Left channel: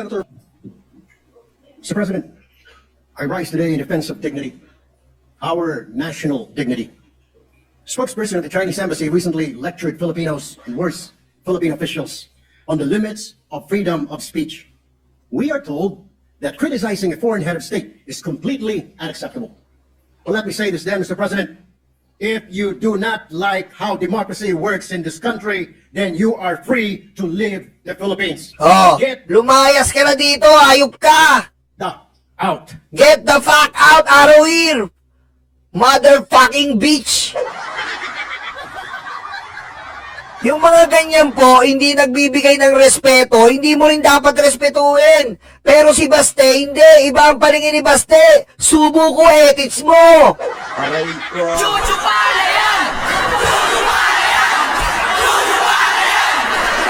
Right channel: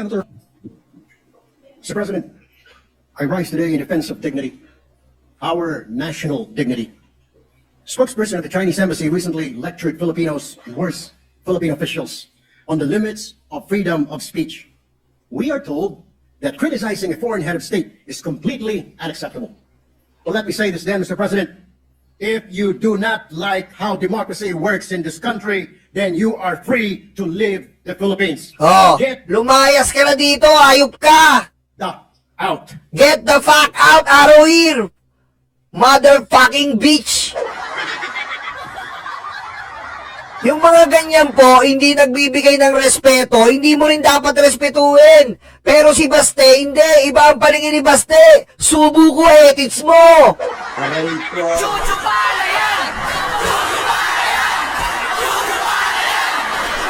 Senator. Mr. President, I rise today in defense of dignity, our national dignity. Spokesperson of the Chinese Embassy recently lectured Filipinos and worse, Philippine officials on the limits of freedom of speech. We are told that criticizing a foreign head of state is completely unacceptable. Well, let me say this then, Mr. President. If you do not like how democracy works in this country, then you are free to leave the Philippines. Oh, Get lumayas ka na dito, ayup ka! the out. Get the fuck out of here! Motherfucking bitch! Yung mga ganyan po, hindi nagbibigay ng respeto, hindi mo rin dapat respetuhin. Pero si Baste, hindi. Iba ang paningin ni Baste. Subo ko, etits mo. Aray ko. Chuchupala yan! Chuchupala yan! Chuchupala yan!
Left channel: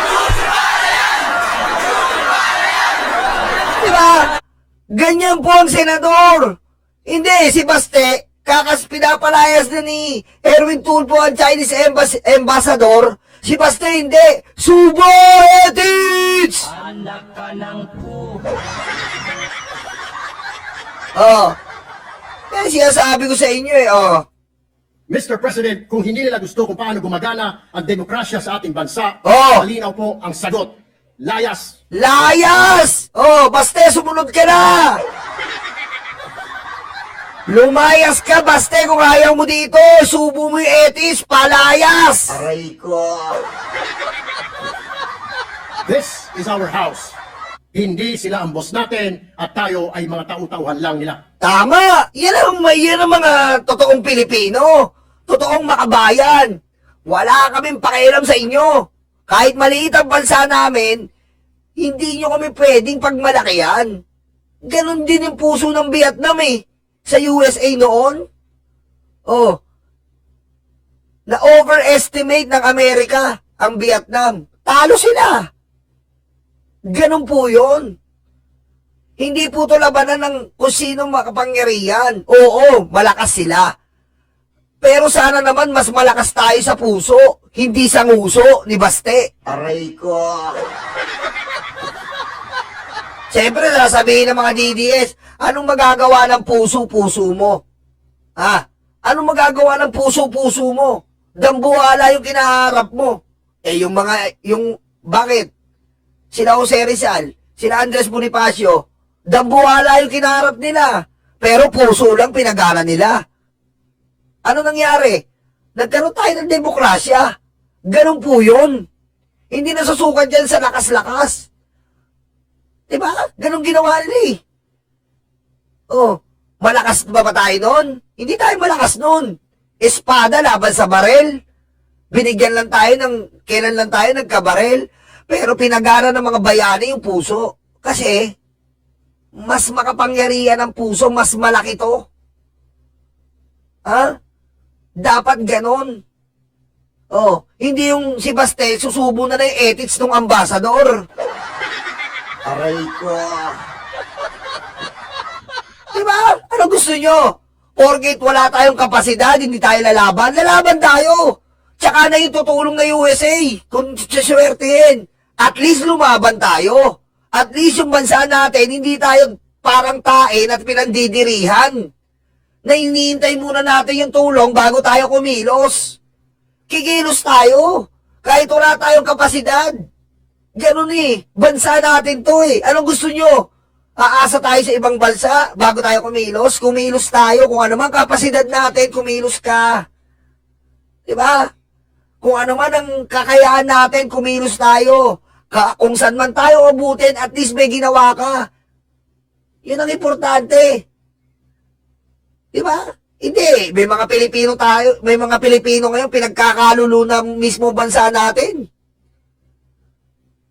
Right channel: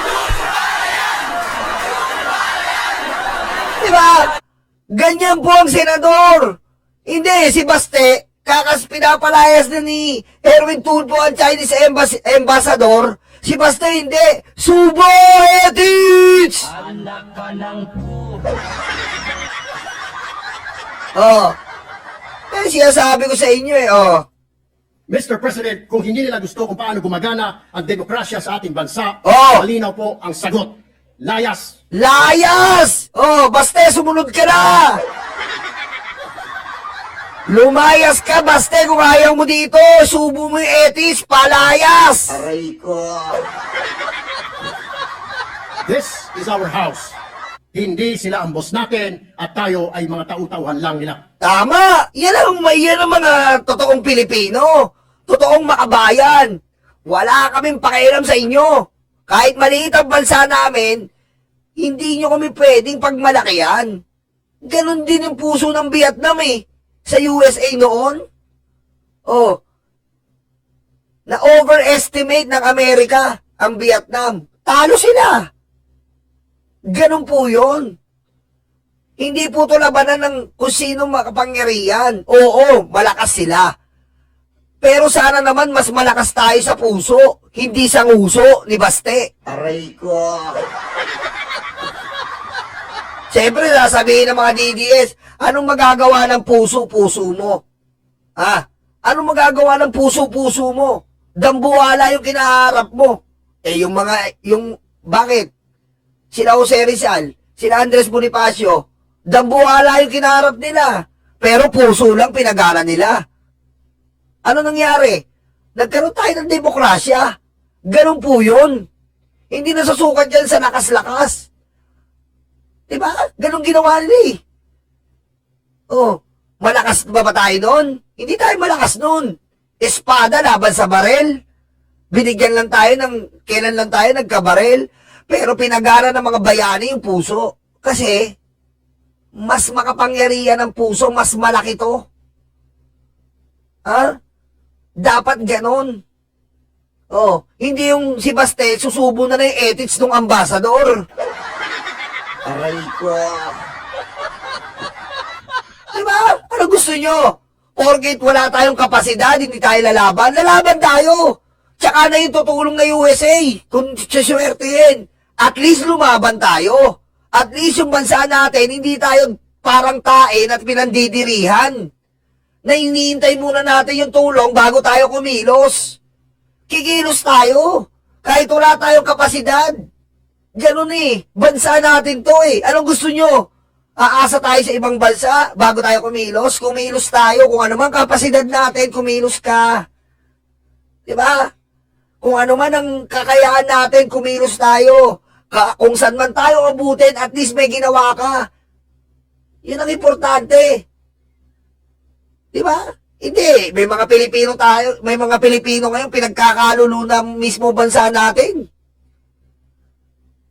Chuchupala yan! Chuchupala yan! Diba? Ganyan po ang senador. Hindi, si Baste, pinapalayas na ni Erwin Tulfo ang Chinese ambassador. Si Basta hindi. Subo ethics! Anak ka ng po. Oh. Kaya sinasabi ko sa inyo oh. Mr. President, kung hindi nila gusto kung paano gumagana ang demokrasya sa ating bansa, malinaw po ang sagot. Layas! Layas! Oh, Baste, sumunod ka na! Lumayas ka, Baste, kung ayaw mo dito. Subo mo yung etis, palayas. Aray ko. This is our house. Hindi sila ang boss natin at tayo ay mga tau-tauhan lang nila. Tama! Yan ang mga totoong Pilipino. Totoong makabayan. Wala kaming pakialam sa inyo. Kahit maliit ang bansa namin, hindi nyo kami pwedeng pagmalakihan. Ganon din yung puso ng Vietnam sa USA noon, na-overestimate ng Amerika ang Vietnam. Talo sila. Ganun po yun. Hindi po ito labanan ng kung sino makapangyarihan. Oo, malakas sila. Pero sana naman mas malakas tayo sa puso, hindi sa nguso ni Baste. Aray ko. Siyempre, sasabihin ng mga DDS, anong magagawa ng puso-puso mo? Anong magagawa ng puso-puso mo? Dambuhala yung kinaharap mo. Bakit? Sila Jose Rizal, sila Andres Bonifacio, dambuhala yung kinaharap nila. Pero puso lang pinagana nila. Ano nangyari? Nagkaroon tayo ng demokrasya. Ganun po yun. Hindi nasusukat yan sa lakas-lakas. Diba? Ganun ginawa nila malakas ba tayo nun? Hindi tayo malakas nun. Espada laban sa barel. Binigyan lang tayo kailan lang tayo nagkabarel. Pero pinagana ng mga bayani yung puso. Kasi, mas makapangyarihan ang puso, mas malaki to. Dapat ganun. Hindi yung si Baste, susubo na yung ethics ng ambassador. Aray ko. Diba? Ano gusto nyo? Porket wala tayong kapasidad, hindi tayo lalaban. Lalaban tayo. Tsaka na yung tutulong na USA. Kung siswertehin. At least lumaban tayo. At least yung bansa natin, hindi tayo parang tain at pinandidirihan. Na hinihintay muna natin yung tulong bago tayo kumilos. Kikilos tayo. Kahit wala tayong kapasidad. Ganun bansa natin to Anong gusto nyo? Aasa tayo sa ibang bansa bago tayo kumilos? Kumilos tayo. Kung ano man kapasidad natin, kumilos ka. Diba? Kung ano man ang kakayahan natin, kumilos tayo. Kung saan man tayo abutin, at least may ginawa ka. Yun ang importante. Diba? Hindi. May mga Pilipino tayo. May mga Pilipino ngayon pinagkakalulo ng mismo bansa natin.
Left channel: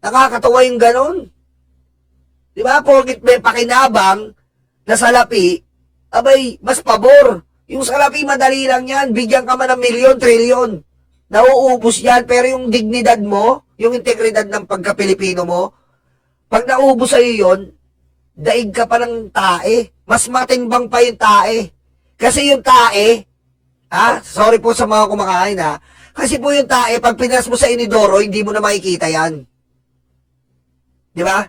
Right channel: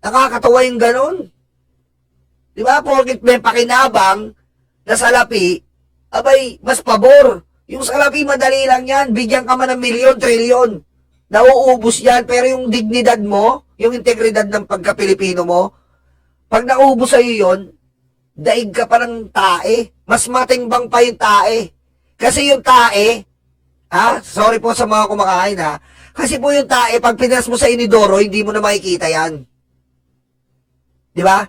Nakakatawa yung ganon. Diba? Porkit may pakinabang na salapi, abay, mas pabor. Yung salapi, madali lang yan. Bigyan ka man ng milyon, trilyon. Nauubos yan. Pero yung dignidad mo, yung integridad ng pagka-Pilipino mo, pag naubos sa'yo yun, daig ka pa ng tae. Mas matimbang pa yung tae. Kasi yung tae, sorry po sa mga kumakain kasi po yung tae, pag pinas mo sa inidoro, hindi mo na makikita yan. Di ba?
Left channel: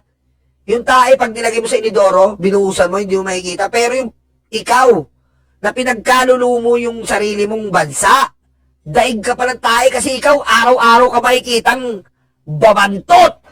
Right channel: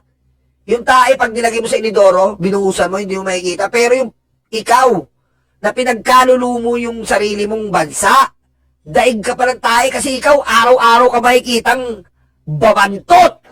Yung tae, pag nilagay mo sa inidoro, binuhusan mo, hindi mo makikita. Pero yung ikaw, na pinagkalulumo mo yung sarili mong bansa, daig ka pa ng tae kasi ikaw, araw-araw ka makikitang babantot.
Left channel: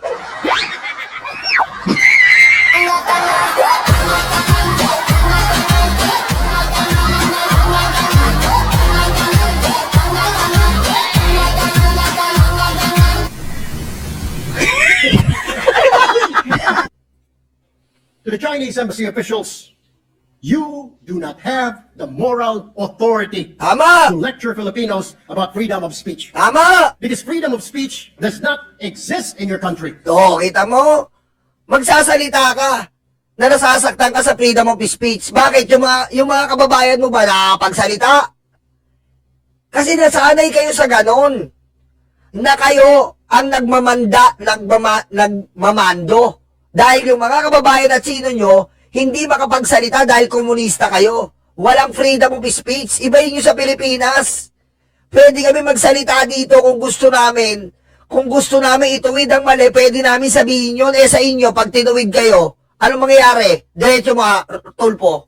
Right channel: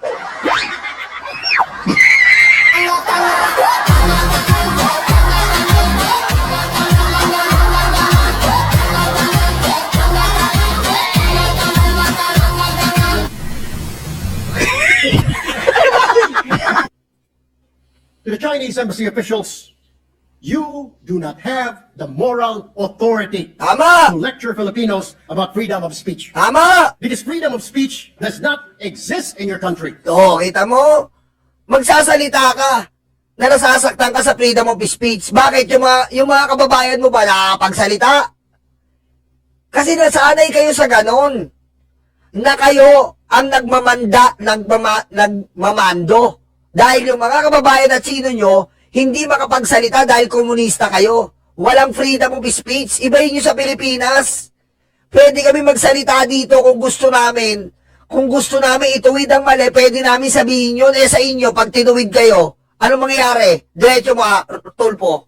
To the Chinese embassy officials, you do not have the moral authority Tama! to lecture Filipinos about freedom of speech. Tama! Because freedom of speech does not exist in your country. Oo, kita mo? Magsasalita ka na nasasaktan ka sa freedom of speech. Bakit yung mga kababayan mo ba nakakapagsalita? Kasi nasanay kayo sa ganon. Na kayo ang nagmamando. Dahil yung mga kababayan at sino nyo, hindi makapagsalita dahil komunista kayo. Walang freedom of speech. Ibahin nyo sa Pilipinas. Pwede kami magsalita dito kung gusto namin. Kung gusto namin ituwid ang mali, pwede namin sabihin yun. Sa inyo, pag tinuwid kayo, anong mangyayari? Diretso mga tulpo.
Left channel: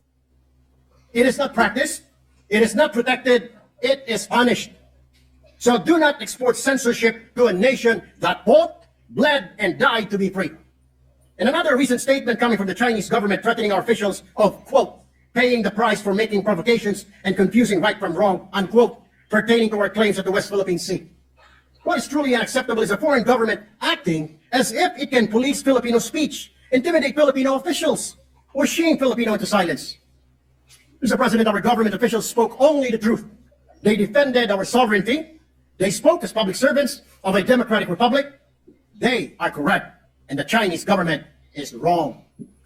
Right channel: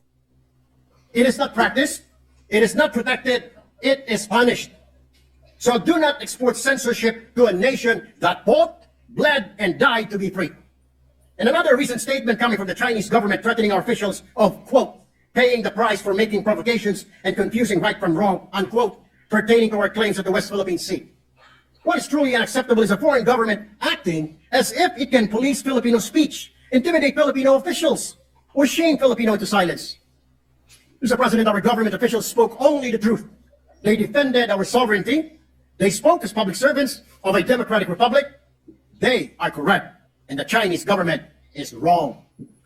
It is not practiced, it is not protected, it is punished. So do not export censorship to a nation that fought, bled, and died to be free. And another recent statement coming from the Chinese government threatening our officials of, quote, paying the price for making provocations and confusing right from wrong, unquote, pertaining to our claims at the West Philippine Sea. What is truly unacceptable is a foreign government acting as if it can police Filipino speech, intimidate Filipino officials, or shame Filipino into silence. Mr. President, our government officials spoke only the truth. They defended our sovereignty. They spoke as public servants of a democratic republic. They are correct, and the Chinese government is wrong.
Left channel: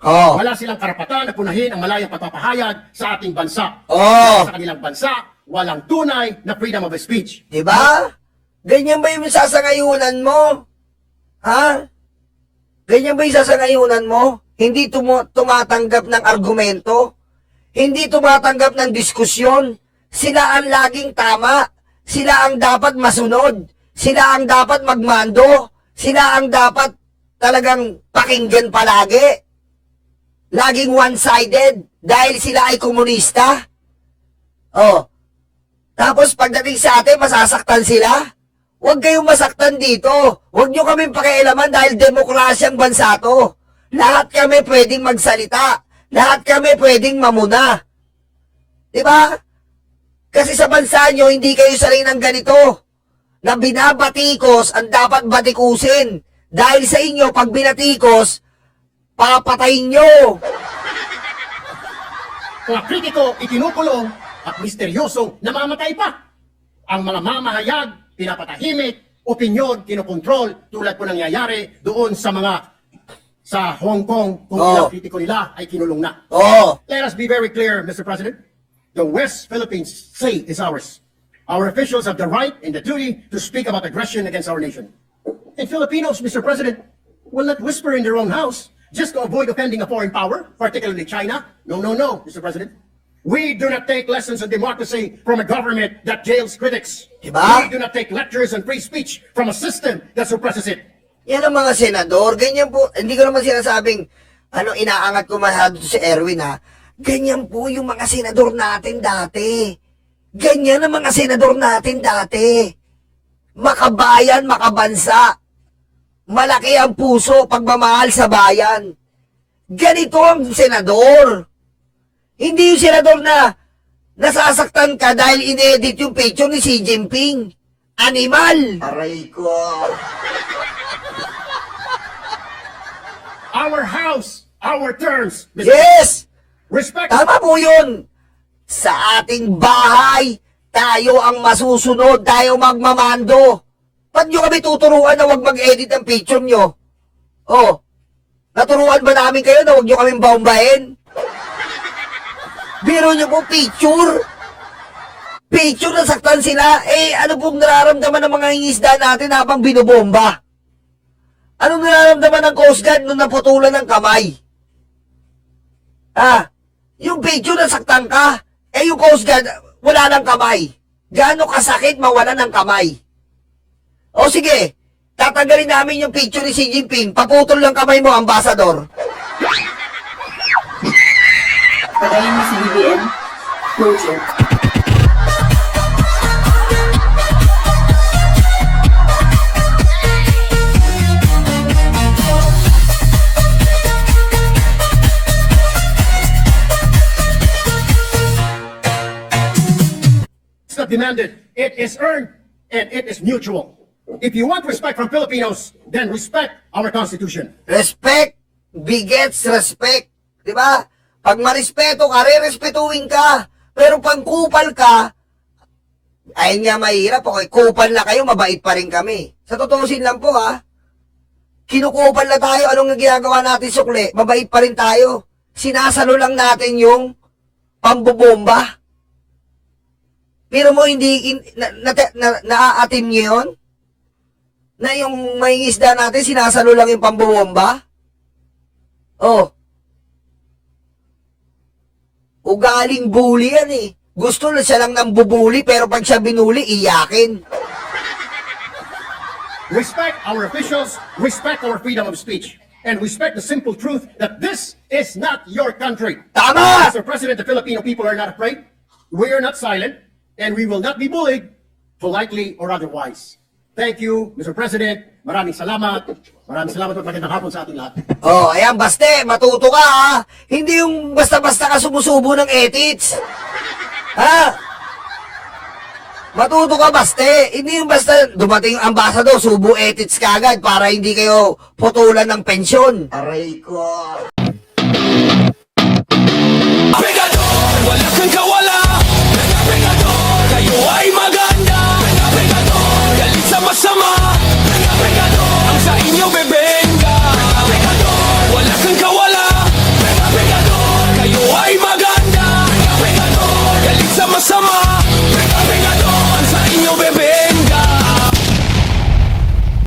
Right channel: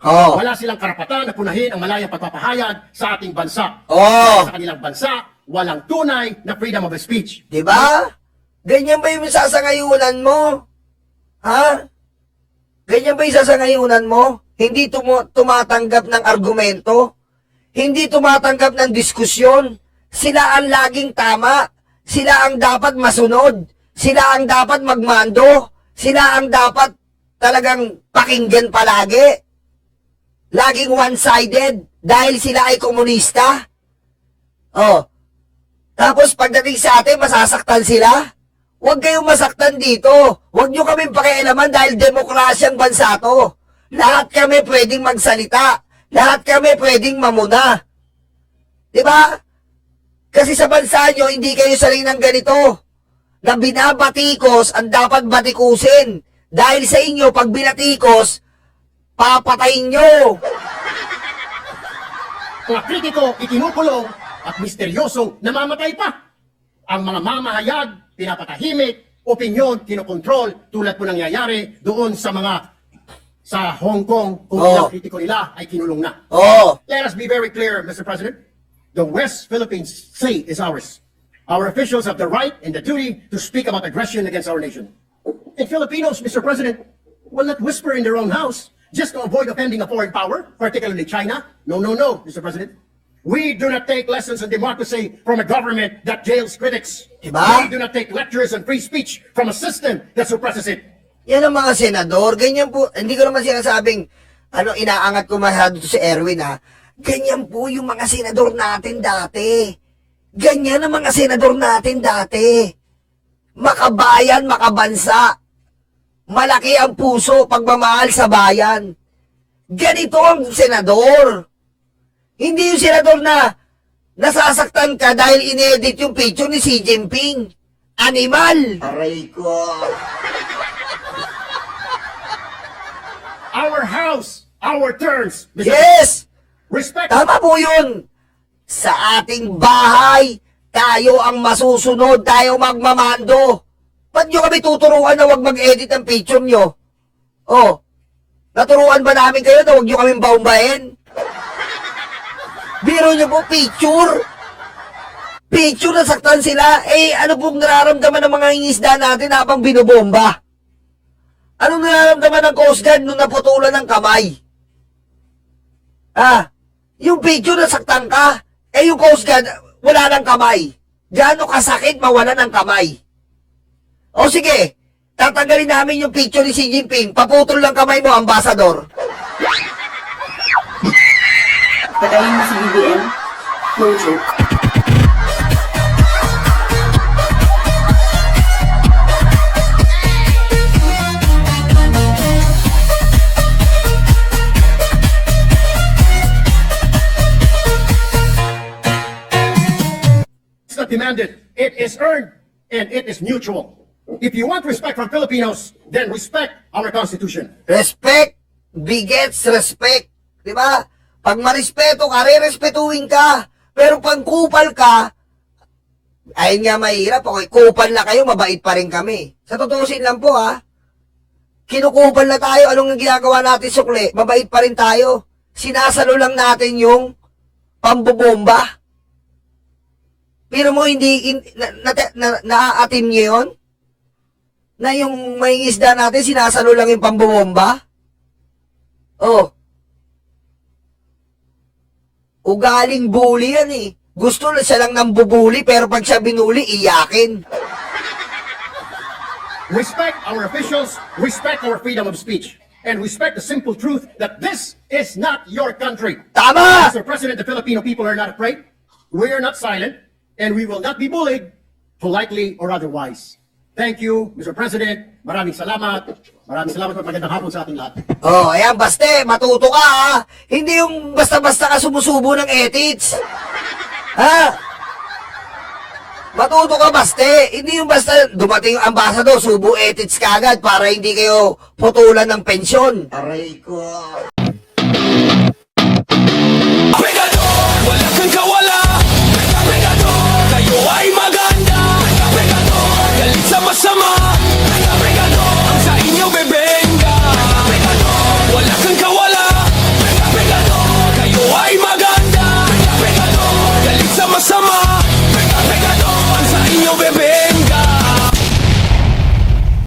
Oh. Wala silang karapatan na punahin ang malayang pagpapahayag sa ating bansa. Oh. Sa kanilang bansa, walang tunay na freedom of speech. Diba? Ganyan ba yung sasangayunan mo? Ha? Ganyan ba yung sasangayunan mo? Hindi tumatanggap ng argumento? Hindi tumatanggap ng diskusyon? Sila ang laging tama? Sila ang dapat masunod? Sila ang dapat magmando? Sila ang dapat talagang pakinggan palagi? Laging one-sided dahil sila ay komunista? Oh. Tapos pagdating sa atin, masasaktan sila? Huwag kayong masaktan dito. Huwag nyo kaming pakialaman dahil demokrasyang bansa to. Lahat kami pwedeng magsalita. Lahat kami pwedeng mamuna. Diba? Kasi sa bansa nyo, hindi kayo sanay ng ganito. Na binabatikos ang dapat batikusin. Dahil sa inyo, pag binatikos, papatayin nyo. Mga kritiko, ikinukulong at misteryosong namamatay pa. Ang mga mamahayag, pinapatahimik, opinyon, kinokontrol, tulad po nangyayari doon sa Hong Kong, kung ilang kritiko nila ay kinulong na. Oh. Let us be very clear, Mr. President. The West Philippines Sea is ours. Our officials have the right and the duty to speak about aggression against our nation. And Filipinos, Mr. President, will not whisper in their own house just to avoid offending a foreign power, particularly China. No, no, no, Mr. President. We do not take lessons on democracy from a government that jails critics. Diba? We do not take lectures on free speech from a system that suppresses it. Yan ang mga senador. Ganyan po. Hindi ko naman sinasabing, inaangat ko masyado si Erwin ha. Ganyan po yung mga senador natin dati. Ganyan ang mga senador natin dati. Makabayan, makabansa. Malaki ang puso, pagmamahal sa bayan. Ganito ang senador. Hindi yung senador na nasasaktan ka dahil inedit yung picture ni Xi Jinping. Animal! Aray ko. Our house, our terms, Mr. Yes! Respect. Tama po yun. Sa ating bahay, tayo ang masusunod, tayo magmamando. Ba't nyo kami tuturuan na huwag mag-edit ang picture nyo? Oh, naturuan ba namin kayo na huwag nyo kaming baumbahin? Biro nyo po, picture. Picture, nasaktan sila. Ano pong nararamdaman ng mga ingisda natin habang binobomba? Anong nararamdaman ng Coast Guard nung naputulan ng kamay? Yung picture, nasaktan ka. Yung Coast Guard, wala ng kamay. Gaano kasakit mawala ng kamay? O sige, tatanggalin namin yung picture ni Xi Jinping. Paputol lang kamay mo, ambasador. Patayin mo si BBM. No joke. It's not demanded. It is earned and it is mutual. If you want respect from Filipinos, then respect our Constitution. Respect begets respect. Di ba? Pag marespeto ka, re-respetuhin ka. Pero pag kupal ka, ayun nga mahirap. Okay, kupal na kayo, mabait pa rin kami. Sa tutusin lang po ha, kinukupal na tayo. Anong ginagawa natin sukli? Mabait pa rin tayo. Sinasalo lang natin yung pambobomba. Pero mo hindi, naaatin niyo yun? Na yung may isda natin, sinasalo lang yung pambobomba? Oh. Ugaling bully yan eh. Gusto na siya lang ng bubuli, pero pag siya binuli, iyakin. Respect our officials, respect our freedom of speech, and respect the simple truth that this is not your country. Tama! Mr. President, the Filipino people are not afraid. We are not silent, and we will not be bullied, politely or otherwise. Thank you, Mr. President. Maraming salamat. Maraming salamat at magandang hapon sa ating lahat. Oh, ayan, baste, matuto ka ha. Hindi yung basta-basta ka sumusubo ng ethics. Ha? Matuto ka, baste. Hindi yung basta dumating yung ambassador, subo ethics ka agad para hindi kayo putulan ng pensyon. Aray ko.